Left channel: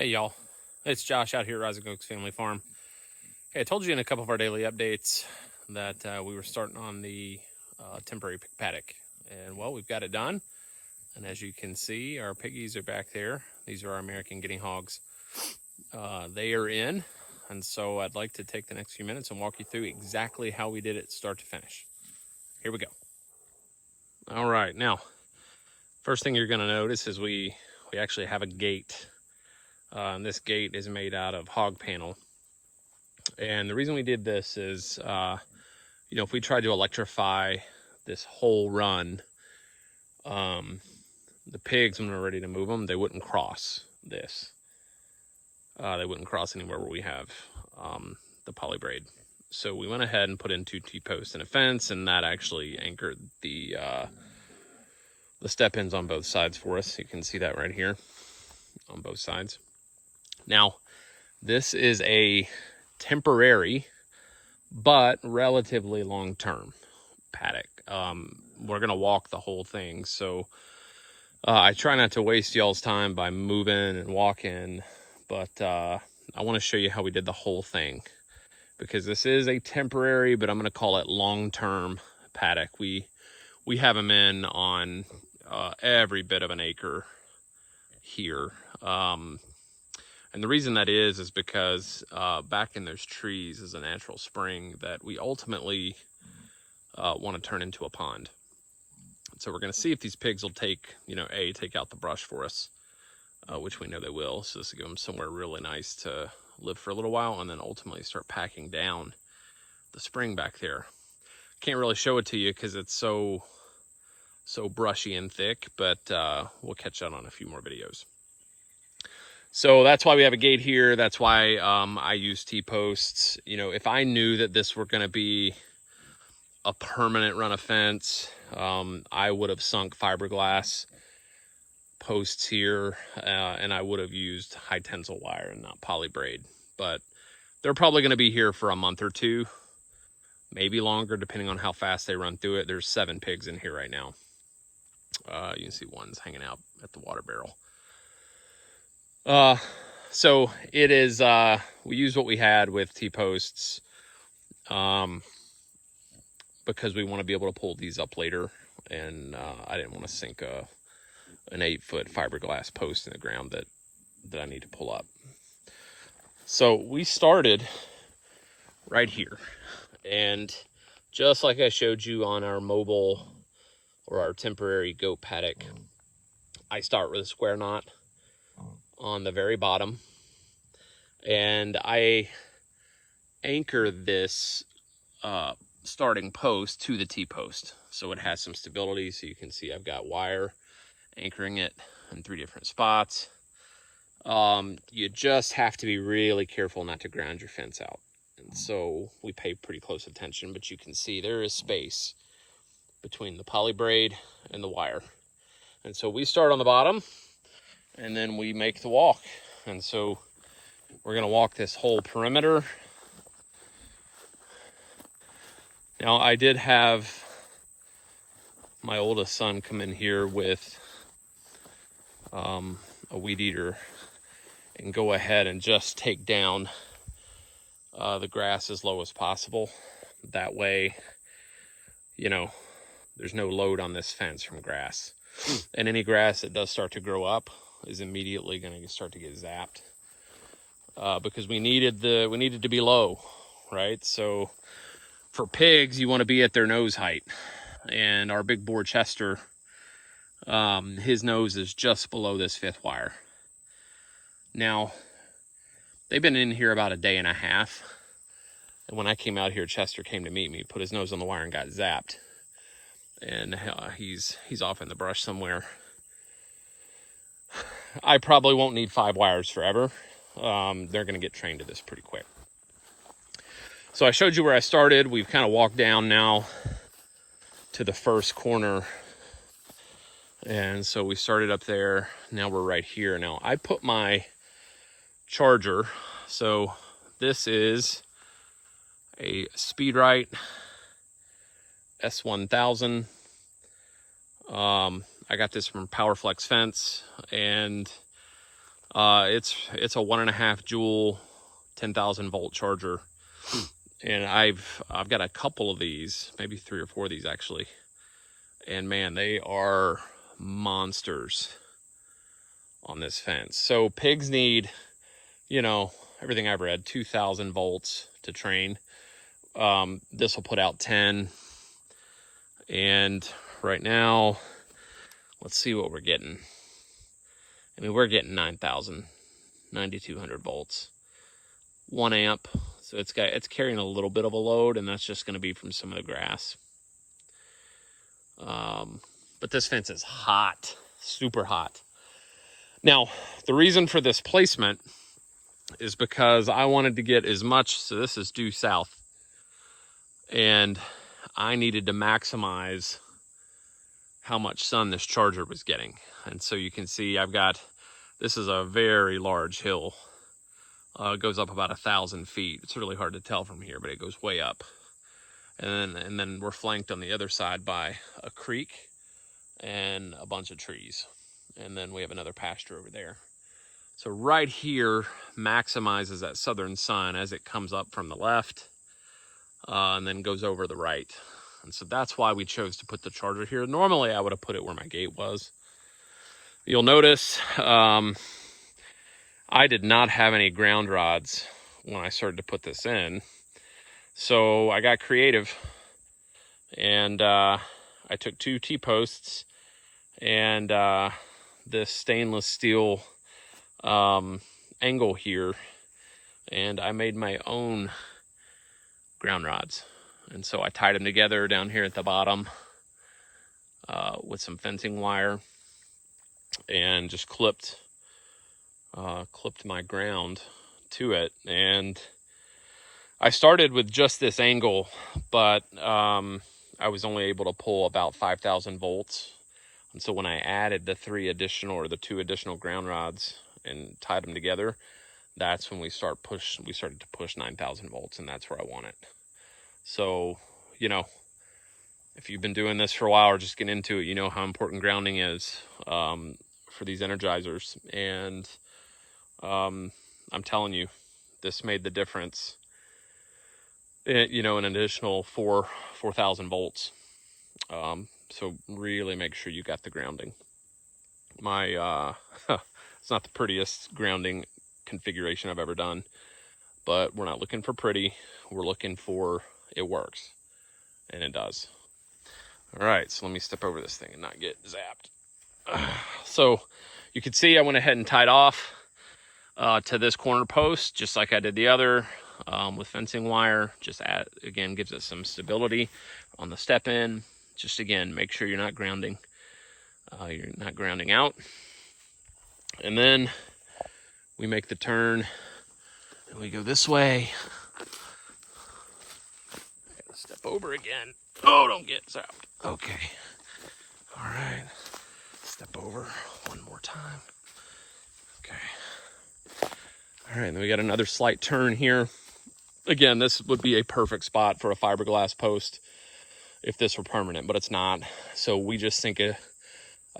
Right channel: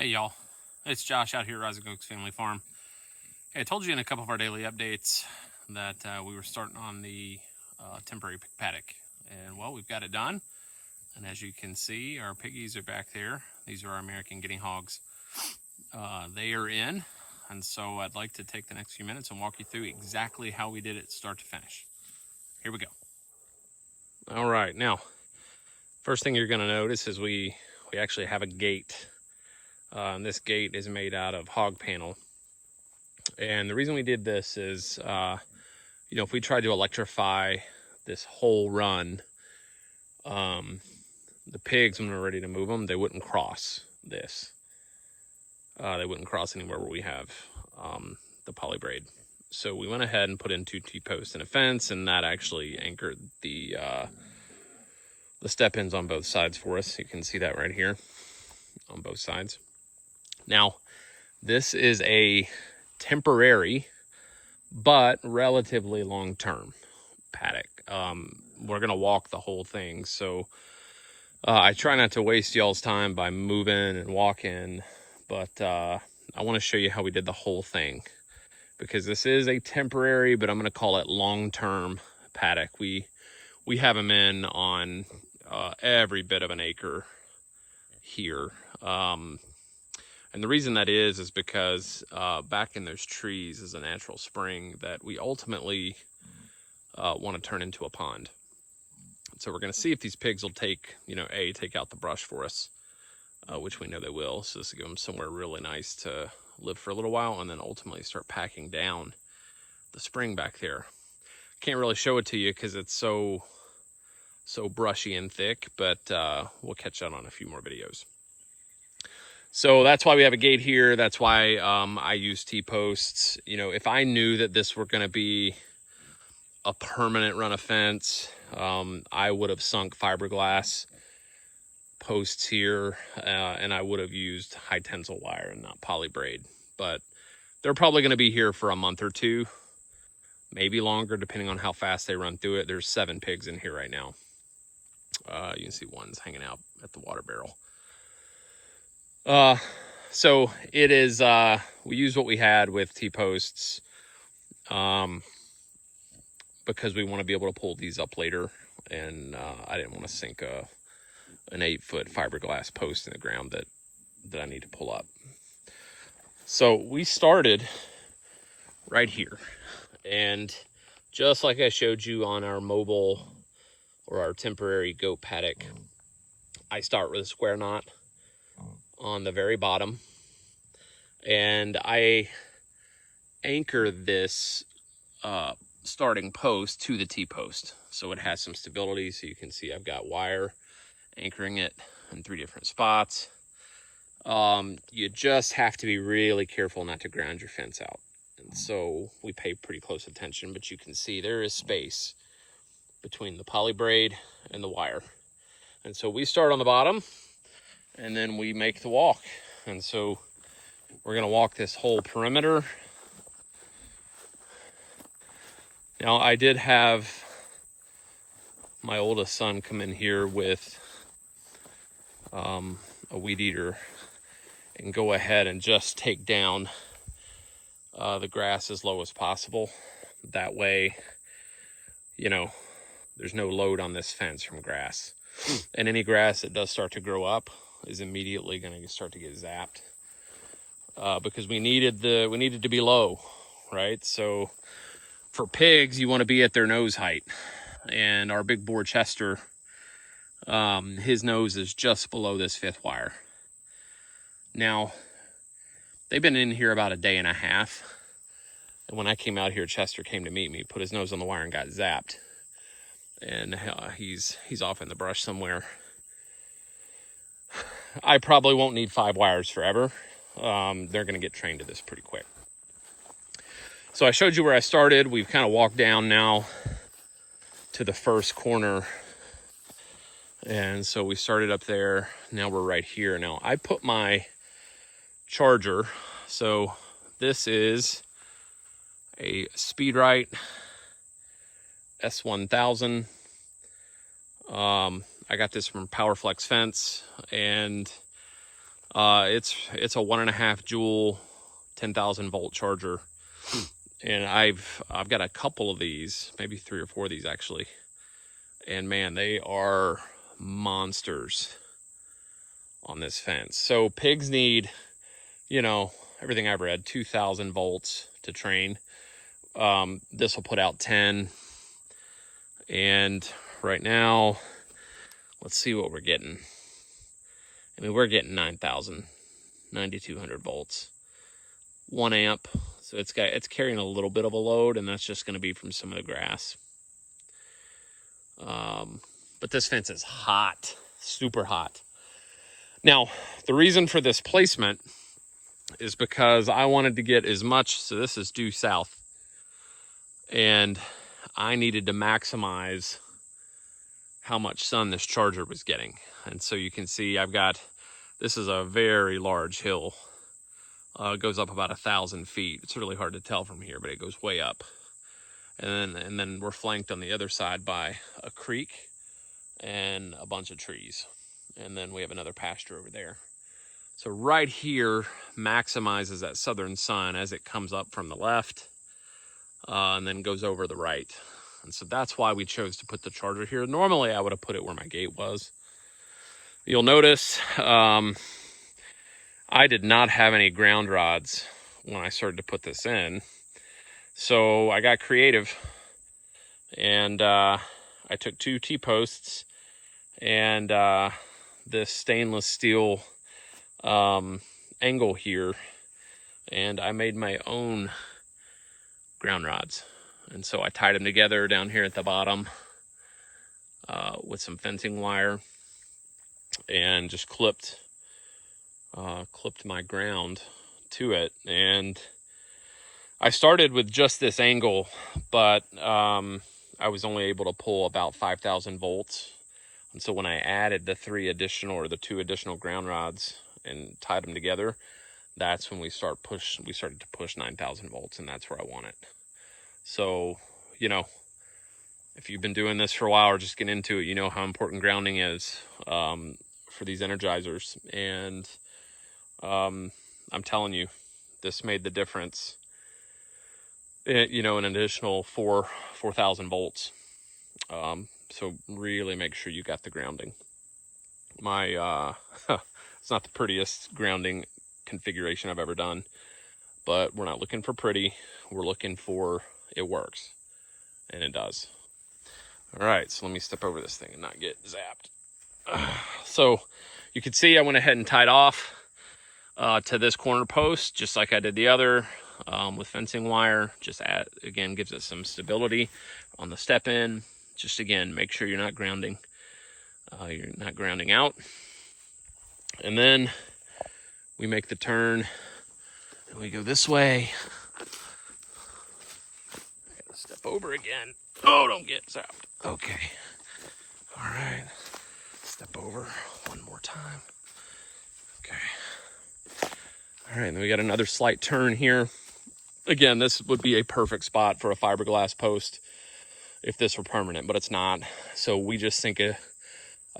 Hey y'all, it's Josh out here at Rising Oaks Family Farm. Hey, I told you in a couple of our daily updates that we were starting on the temporary pig paddock, and well, we've got it done. And as you can see, our piggies are back there. These are our American guinea hogs. They are in, and so I'd like to take the next few minutes and walk you through exactly how we did it start to finish. Here we go. All right, now, first thing you're gonna notice is we actually have a gate. And this gate is made out of Hog Panel. And the reason we did this is, if we tried to electrify this whole run, the pigs, when we're ready to move them, they wouldn't cross this. They wouldn't cross anywhere where we have the polybraid. So we went ahead and put in 2 T-posts and a fence, and that actually anchored the step-ins on both sides for us. You can see that right here on both sides. Now, this is a temporary, but relatively long-term paddock. We're gonna walk the whole thing, so I try not to waste y'all's time by moving and walking, but I want to show you how we did the whole thing, because this is a temporary, but I'm gonna call it long-term paddock. We have them in on every bit of an acre here. And the reason that is because back in those trees is a natural spring that we ultimately want to turn into a pond. So we're going to see if these pigs will take out the brush for us, which we know they will. So this will give them somewhere really nice to live for a little while, and then ultimately start packing down the spring back there. Can't really show it to you because it's so brushy and thick, but we'll catch that on a few more videos. So that's why we have a gate here. That's why I use T-posts. If I knew that this were going to be a permanent run of fence, I would have sunk fiberglass posts here, and I would have used high tensile wire and not polybraid. But they're probably going to be here for a month or two, maybe longer, depending on how fast they run through it. There's 7 pigs in here right now. You can see one's hanging out at the water barrel. So it is, we used what we had with T-posts, because we want to be able to pull these up later, and I didn't want to sink an 8-foot fiberglass post in the ground that I need to pull up. So we started right here, and just like I showed you on our mobile or our temporary goat paddock, I start with a square knot on the very bottom, and I anchor this starting post to the T-post so it has some stability. So you can see I've got wire anchoring it in 3 different spots. You just have to be really careful not to ground your fence out, and so we pay pretty close attention, but you can see there is space between the polybraid and the wire. And so we start on the bottom, and then we make the walk. And so we're gonna walk this whole perimeter. Now, I did have my oldest son come in here with a weed eater and go ahead and just take down the grass as low as possible. That way, there's no load on this fence from grass. And any grass that does start to grow up is immediately going to start to get zapped, because we needed to be low, right? So for pigs, you want to be at their nose height, and our big boar Chester, his nose is just below this 5th wire. Now, they've been in here about a day and a half, and when I came out here, Chester came to meet me, put his nose on the wire, and got zapped, and he's off in the brush somewhere. I probably won't need 5 wires forever. They're going to get trained to this pretty quick. So I showed you where I started. We've kind of walked down now to the first corner. And so we started up there. Now we're right here. Now I put my charger. So this is a Speedrite S1000. I got this from Powerflex Fence, and It's a 1.5 joule, 10,000 volt charger. And I've got a couple of these, maybe 3 or 4 of these actually. And man, they are monsters on this fence. So pigs need, you know, everything I've read, 2,000 volts to train. This will put out 10. And right now, let's see what we're getting. I mean, we're getting 9,200 volts, 1 amp. So it's carrying a little bit of a load, and that's just going to be from some of the grass. But this fence is hot, super hot. Now, the reason for this placement is because I wanted to get as much, so this is due south, and I needed to maximize how much sun this charger was getting. And so you can see this is a very large hill. It goes up about 1,000 feet. It's really hard to tell from here, but it goes way up. And then we're flanked on the other side by a creek and a bunch of trees. And then we have another pasture over there. So right here maximizes that southern sun as it comes up from the left and then goes over the right. And so that's why we chose to put the charger here. Normally I would have put it where my gate was. You'll notice I did not have any ground rods when I started to put this in. So I got creative, and I took 2 T-posts and this stainless steel angle here, and I made my own ground rods. And so I tied them together down here at the bottom with some fencing wire, and just clipped my ground to it. And I started with just this angle, but I was only able to pull about 5,000 volts. And so when I added the 2 additional ground rods and tied them together, that's when we started to push 9,000 volts, and that's where I want it. So, you know, if you've been doing this for a while or just get into it, you know how important grounding is for these energizers. And I'm telling you, this made the difference. You know, an additional 4,000 volts. So really make sure you got the grounding. It's not the prettiest grounding configuration I've ever done, but we're not looking for pretty. We're looking for it works, and it does. All right, so let me step over this thing and not get zapped. So you can see I went ahead and tied off to this corner post, just like I did the other with fencing wire. Just again, gives it some stability on the step in. Just again, make sure you're not grounding. You're not grounding out. And then we make the turn and we go this way. Step over again. Oh, don't get zapped. Okay. All right. Step over one more time. Okay. All right, then we got another slight turn here. Again, this would be a perfect spot for a fiberglass post if this were permanent, but it's not. So we just sink a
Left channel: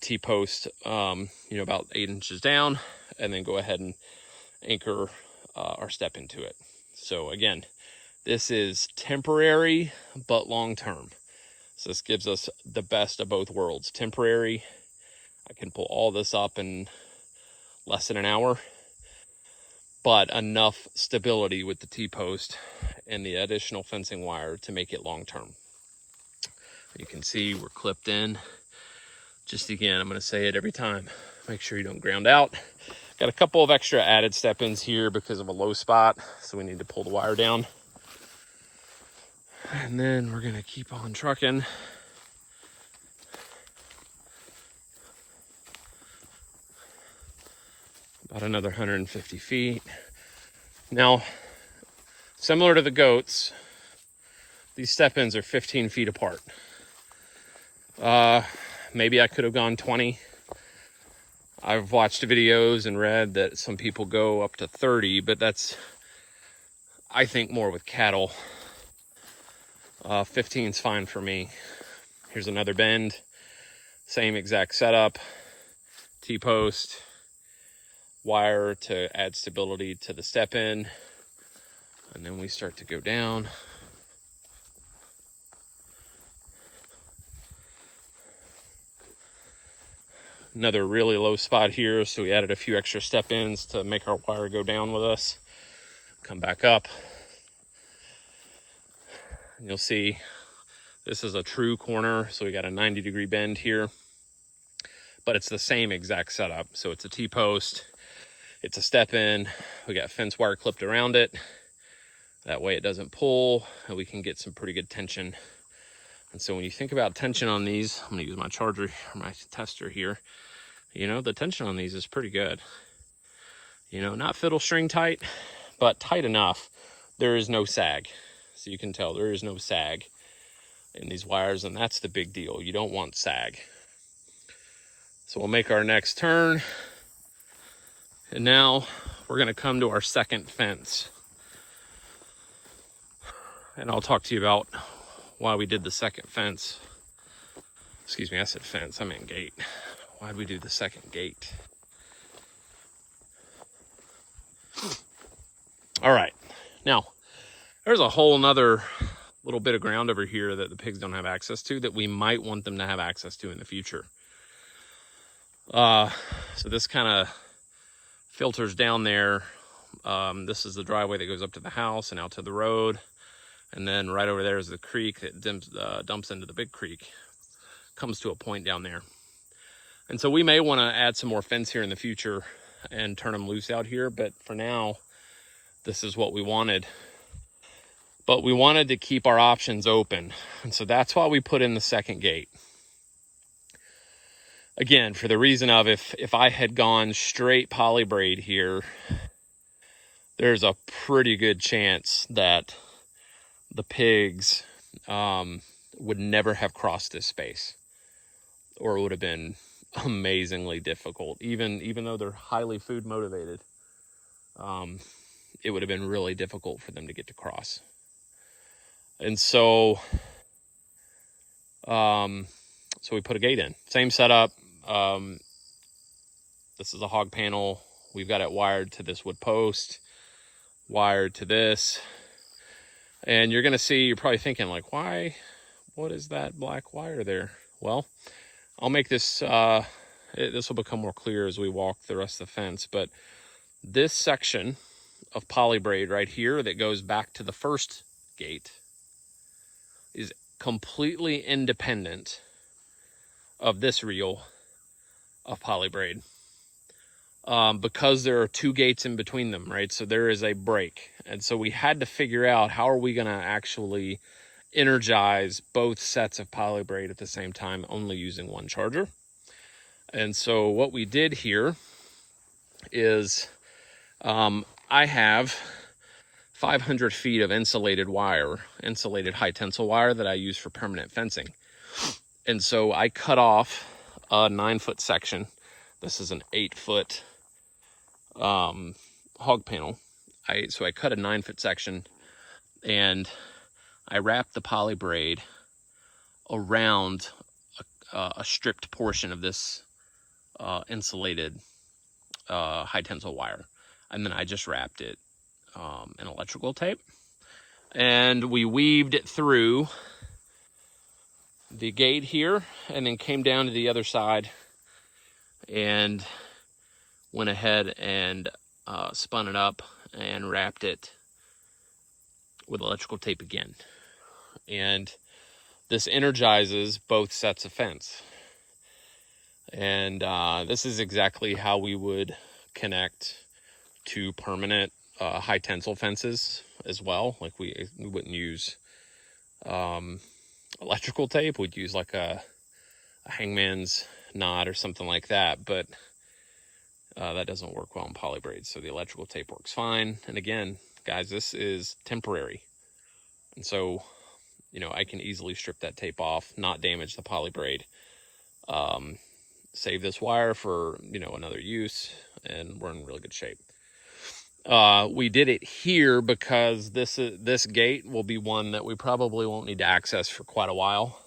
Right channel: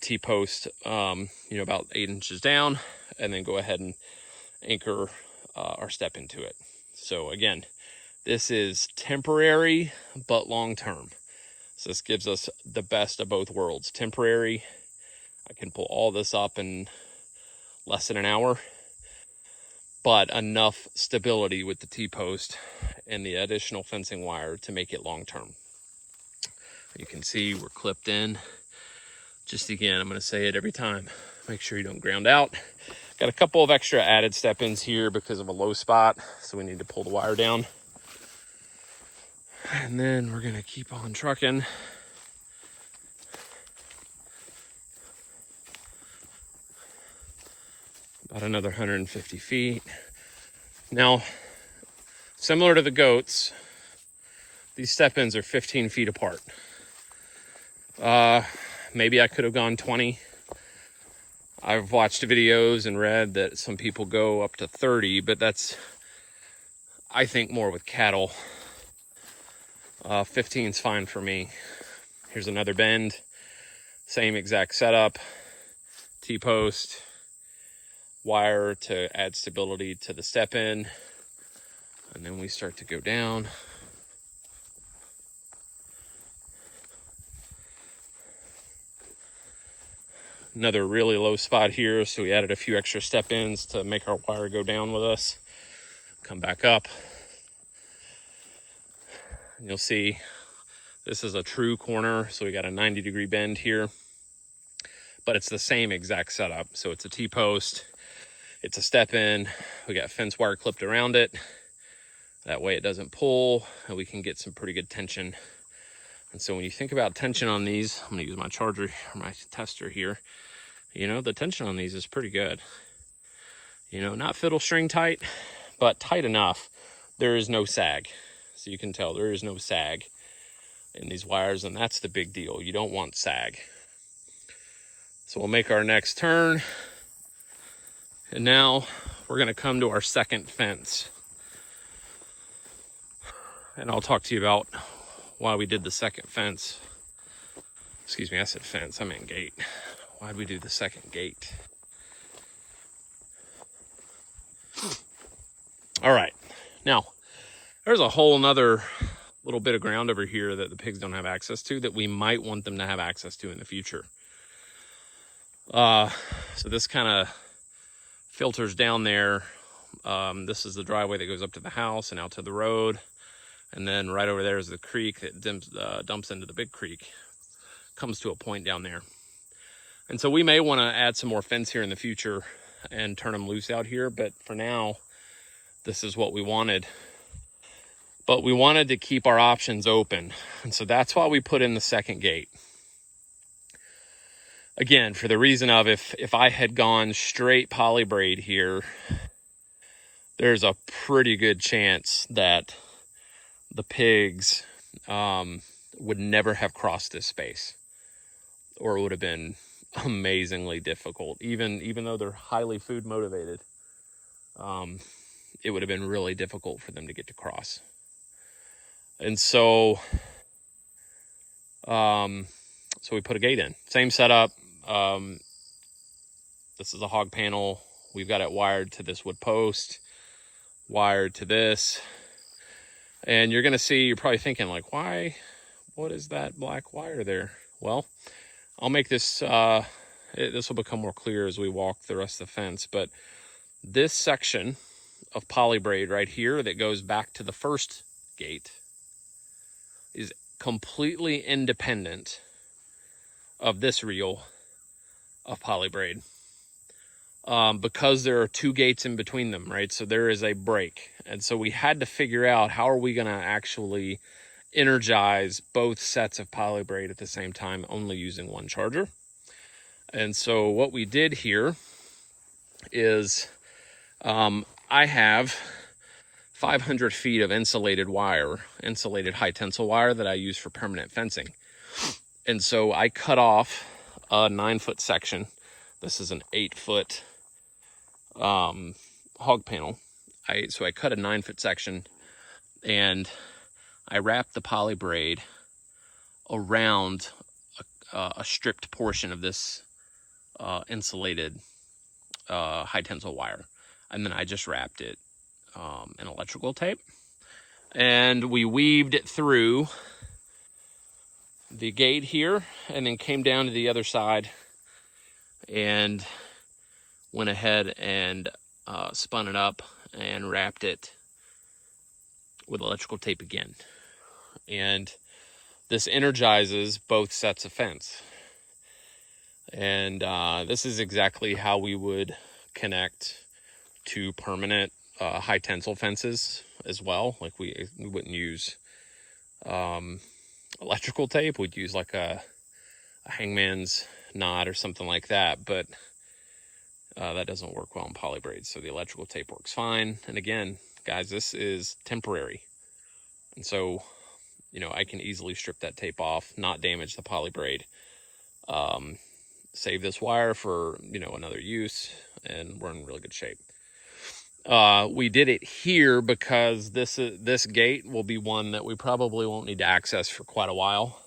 T-post, you know, about 8 inches down, and then go ahead and anchor our step into it. So again, this is temporary, but long-term. So this gives us the best of both worlds. Temporary, I can pull all this up in less than an hour, but enough stability with the T-post and the additional fencing wire to make it long-term. You can see we're clipped in. Just again, I'm going to say it every time. Make sure you don't ground out. Got a couple of extra added step-ins here because of a low spot, so we need to pull the wire down. And then we're going to keep on trucking. About another 150 feet. Now, similar to the goats, these step-ins are 15 feet apart. Maybe I could have gone 20. I've watched videos and read that some people go up to 30, but that's, I think, more with cattle. 15 is fine for me. Here's another bend. Same exact setup. T-post. wire to add stability to the step in. And then we start to go down. Another really low spot here, so we added a few extra step ins to make our wire go down with us. Come back up. And you'll see this is a true corner, so we got a 90-degree bend here. But it's the same exact setup. So it's a T-post, it's a step in, we got fence wire clipped around it. That way it doesn't pull, and we can get some pretty good tension. And so when you think about tension on these, I'm gonna use my charger, my tester here. You know, the tension on these is pretty good. You know, not fiddle string tight, but tight enough. There is no sag. So you can tell there is no sag in these wires, and that's the big deal. You don't want sag. So we'll make our next turn. And now we're gonna come to our second fence. And I'll talk to you about why we did the second fence. Excuse me, I said fence, I meant gate. Why'd we do the second gate? All right, now there's a whole nother little bit of ground over here that the pigs don't have access to that we might want them to have access to in the future. So this kind of filters down there. This is the driveway that goes up to the house and out to the road. And then right over there is the creek that dumps into the big creek. Comes to a point down there. And so we may want to add some more fence here in the future and turn them loose out here. But for now, this is what we wanted. But we wanted to keep our options open. And so that's why we put in the second gate. Again, for the reason of if I had gone straight polybraid here, there's a pretty good chance that the pigs would never have crossed this space, or it would have been amazingly difficult. Even though they're highly food motivated, it would have been really difficult for them to get to cross. And so so we put a gate in. Same setup. This is a hog panel. We've got it wired to this wood post, wired to this. And you're gonna see, you're probably thinking like, why, what is that black wire there? Well, I'll make this, this will become more clear as we walk the rest of the fence, but this section of polybraid right here that goes back to the first gate is completely independent of this reel of polybraid. Because there are two gates in between them, right? So there is a break. And so we had to figure out how are we gonna actually energize both sets of polybraid at the same time, only using one charger. And so what we did here is I have 500 feet of insulated wire, insulated high tensile wire that I use for permanent fencing. And so I cut off a 9-foot section. This is an 8-foot hog panel. So I cut a 9-foot section and I wrapped the polybraid around a stripped portion of this insulated high tensile wire. And then I just wrapped it in electrical tape. And we weaved it through the gate here and then came down to the other side and went ahead and spun it up and wrapped it with electrical tape again. And this energizes both sets of fence. And this is exactly how we would connect to permanent high tensile fences as well. Like we wouldn't use electrical tape. We'd use like a hangman's knot or something like that, but that doesn't work well in polybraid. So the electrical tape works fine. And again, guys, this is temporary. And so, you know, I can easily strip that tape off, not damage the polybraid, save this wire for, you know, another use, and we're in really good shape. We did it here because this gate will be one that we probably won't need to access for quite a while,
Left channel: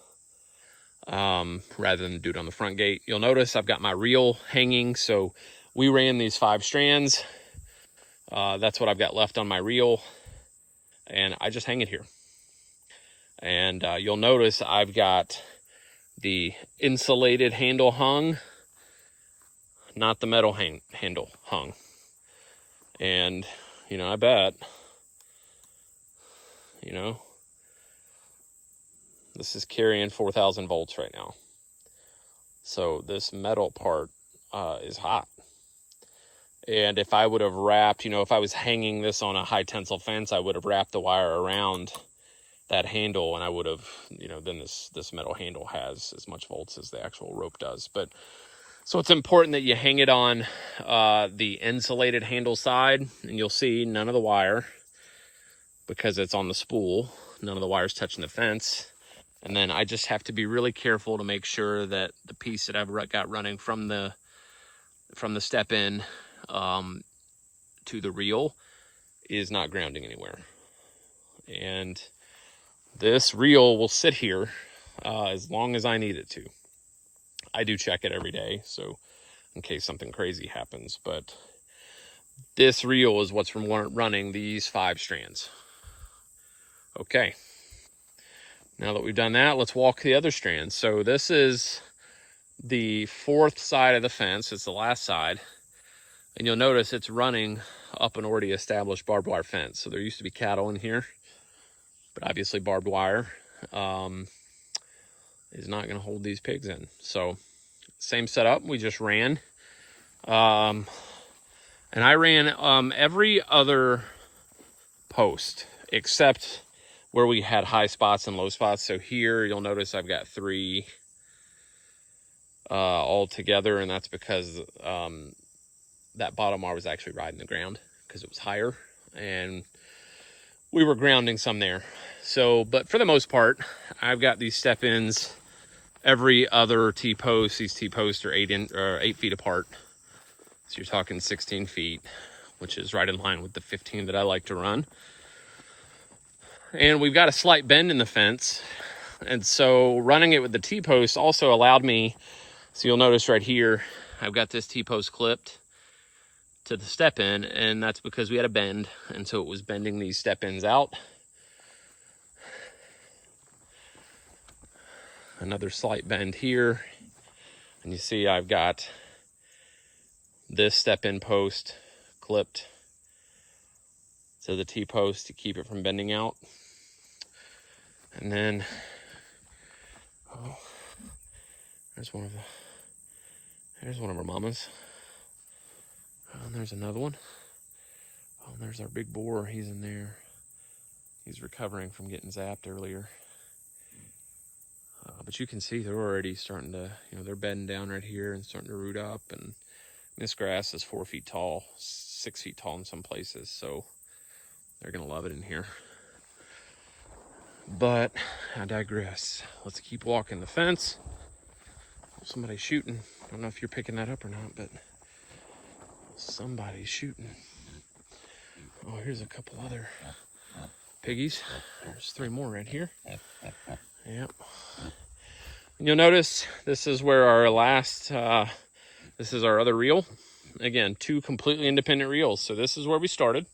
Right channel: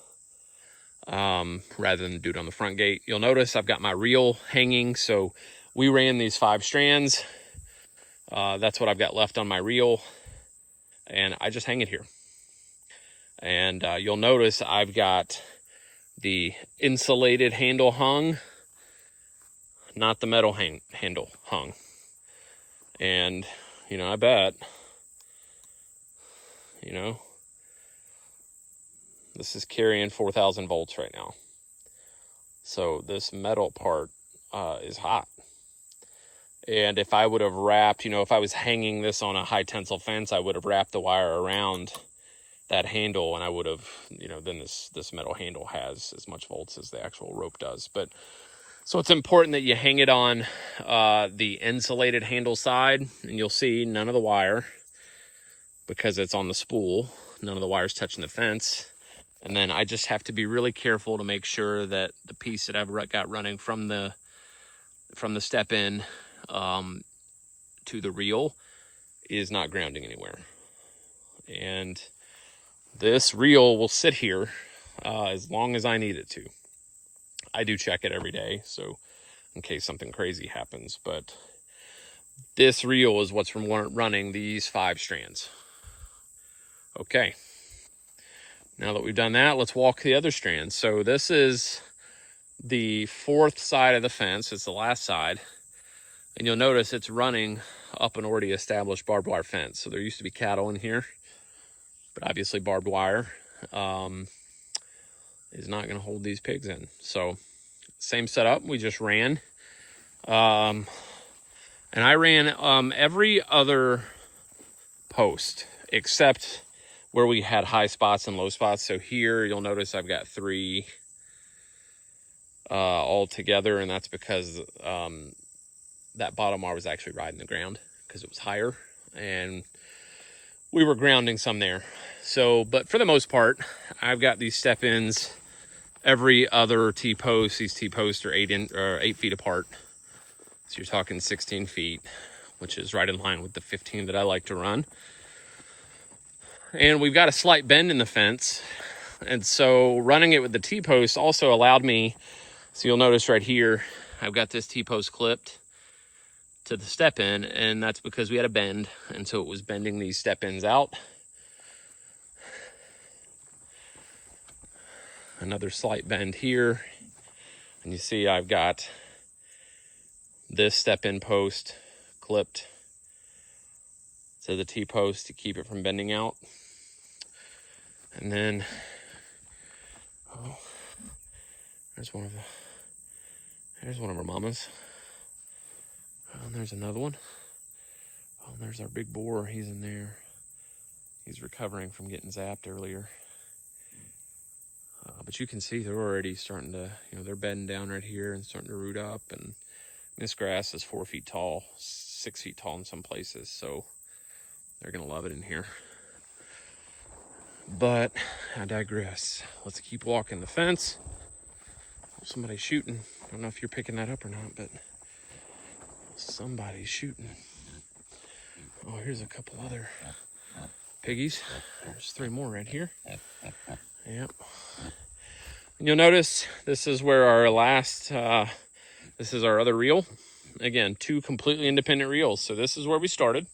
rather than do it on the front gate. You'll notice I've got my reel hanging, so we ran these 5 strands. That's what I've got left on my reel, and I just hang it here. And you'll notice I've got the insulated handle hung, not the metal handle hung. And, you know, I bet, you know, this is carrying 4,000 volts right now. So this metal part is hot. And if I would have wrapped, you know, if I was hanging this on a high tensile fence, I would have wrapped the wire around that handle, and I would have, you know, then this metal handle has as much volts as the actual rope does. But so it's important that you hang it on the insulated handle side, and you'll see none of the wire, because it's on the spool, none of the wire's touching the fence. And then I just have to be really careful to make sure that the piece that I've got running from the step in to the reel is not grounding anywhere. And this reel will sit here as long as I need it to. I do check it every day, so in case something crazy happens. But this reel is what's running these 5 strands. Okay. Now that we've done that, let's walk the other strands. So this is the 4th side of the fence. It's the last side. And you'll notice it's running up an already established barbed wire fence. So there used to be cattle in here, but obviously barbed wire is not going to hold these pigs in. So same setup, we just ran. And I ran every other post except where we had high spots and low spots. So here you'll notice I've got 3 all together, and that's because that bottom wire was actually riding the ground because it was higher, and we were grounding some there. So, but for the most part, I've got these step-ins every other T-post. These T-posts are 8 feet apart. So you're talking 16 feet, which is right in line with the 15 that I like to run. And we've got a slight bend in the fence. And so running it with the T-post also allowed me, so you'll notice right here, I've got this T-post clipped to the step-in, and that's because we had a bend, and so it was bending these step-ins out. Another slight bend here, and you see I've got this step-in post clipped to the T-post to keep it from bending out. And then, oh, there's one of our mamas. And there's another one. Oh, and there's our big boar. He's in there. He's recovering from getting zapped earlier. But you can see they're already starting to, you know, they're bedding down right here and starting to root up. And this grass is 4 feet tall, 6 feet tall in some places. So they're going to love it in here. But I digress. Let's keep walking the fence. Somebody's shooting. I don't know if you're picking that up or not, but somebody's shooting. Oh, here's a couple other piggies. There's 3 more right here. Yep. You'll notice this is where our last, this is our other reel. Again, 2 completely independent reels. So this is where we started,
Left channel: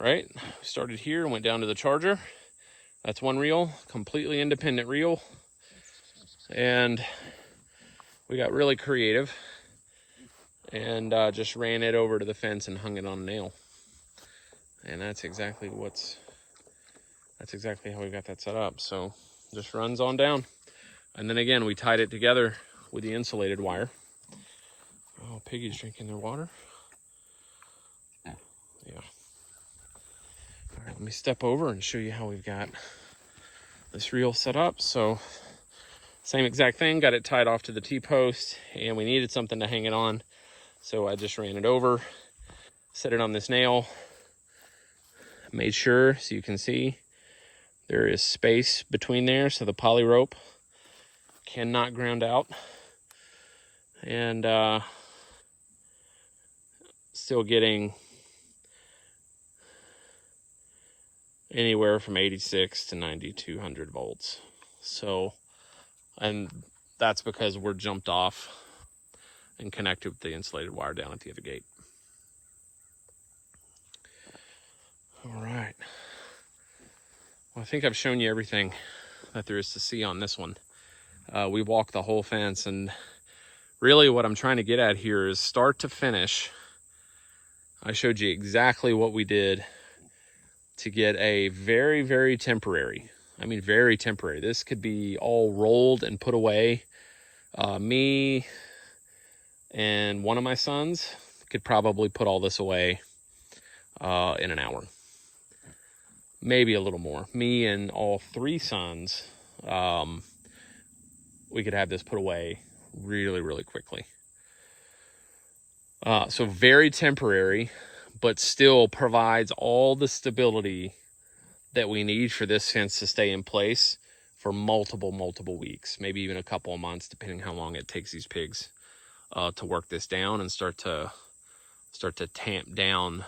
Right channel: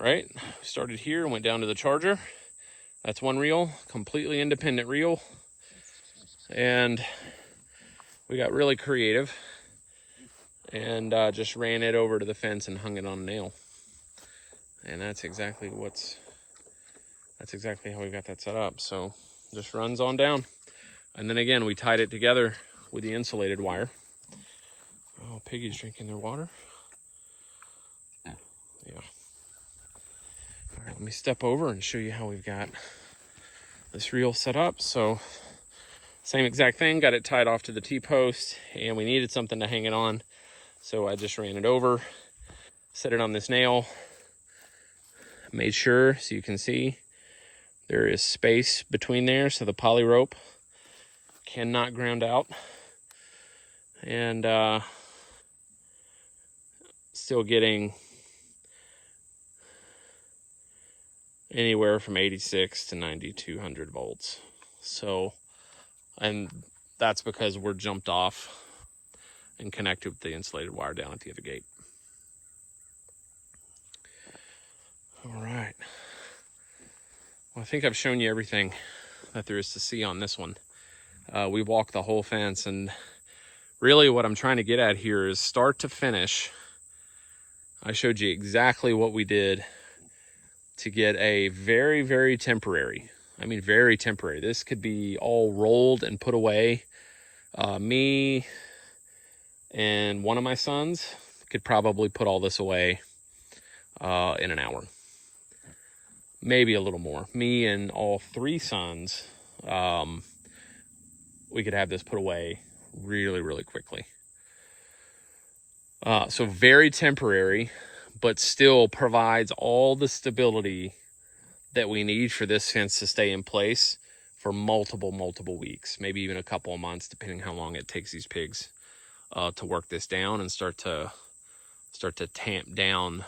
right? Started here and went down to the charger. That's 1 reel, completely independent reel. And we got really creative and just ran it over to the fence and hung it on a nail. And that's exactly how we got that set up. So just runs on down. And then again, we tied it together with the insulated wire. Oh, Piggy's drinking their water. Yeah. All right, let me step over and show you how we've got this reel set up. So same exact thing, got it tied off to the T-post, and we needed something to hang it on. So I just ran it over, set it on this nail, made sure, so you can see, there is space between there, so the poly rope cannot ground out. And still getting anywhere from 86 to 9200 volts. So, and that's because we're jumped off and connect it with the insulated wire down at the other gate. All right. Well, I think I've shown you everything that there is to see on this one. We walked the whole fence, and really what I'm trying to get at here is start to finish. I showed you exactly what we did to get a very, very temporary, I mean very temporary. This could be all rolled and put away. Me and one of my sons could probably put all this away in an hour. Maybe a little more. Me and all 3 sons, we could have this put away really, really quickly. So very temporary, but still provides all the stability that we need for this fence to stay in place for multiple weeks, maybe even a couple of months, depending how long it takes these pigs to work this down and start to tamp down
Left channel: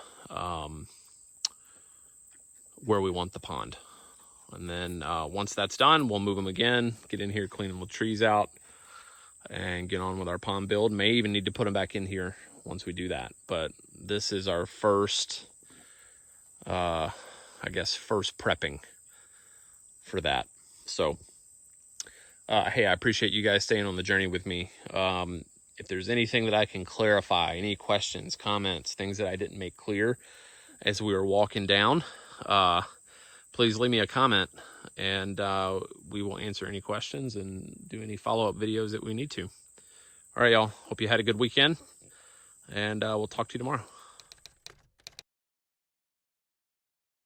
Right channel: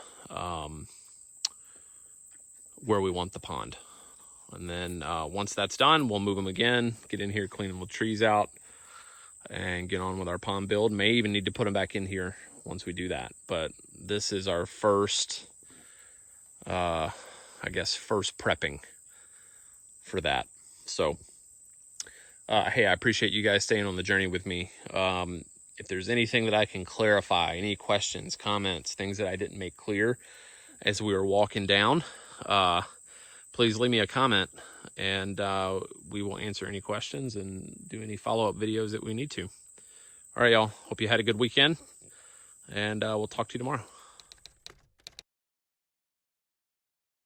where we want the pond. And then once that's done, we'll move them again, get in here, clean the trees out, and get on with our pond build. May even need to put them back in here once we do that. But this is our first, I guess, first prepping for that. So, hey, I appreciate you guys staying on the journey with me. If there's anything that I can clarify, any questions, comments, things that I didn't make clear as we were walking down, please leave me a comment, and we will answer any questions and do any follow-up videos that we need to. All right, y'all. Hope you had a good weekend, and we'll talk to you tomorrow.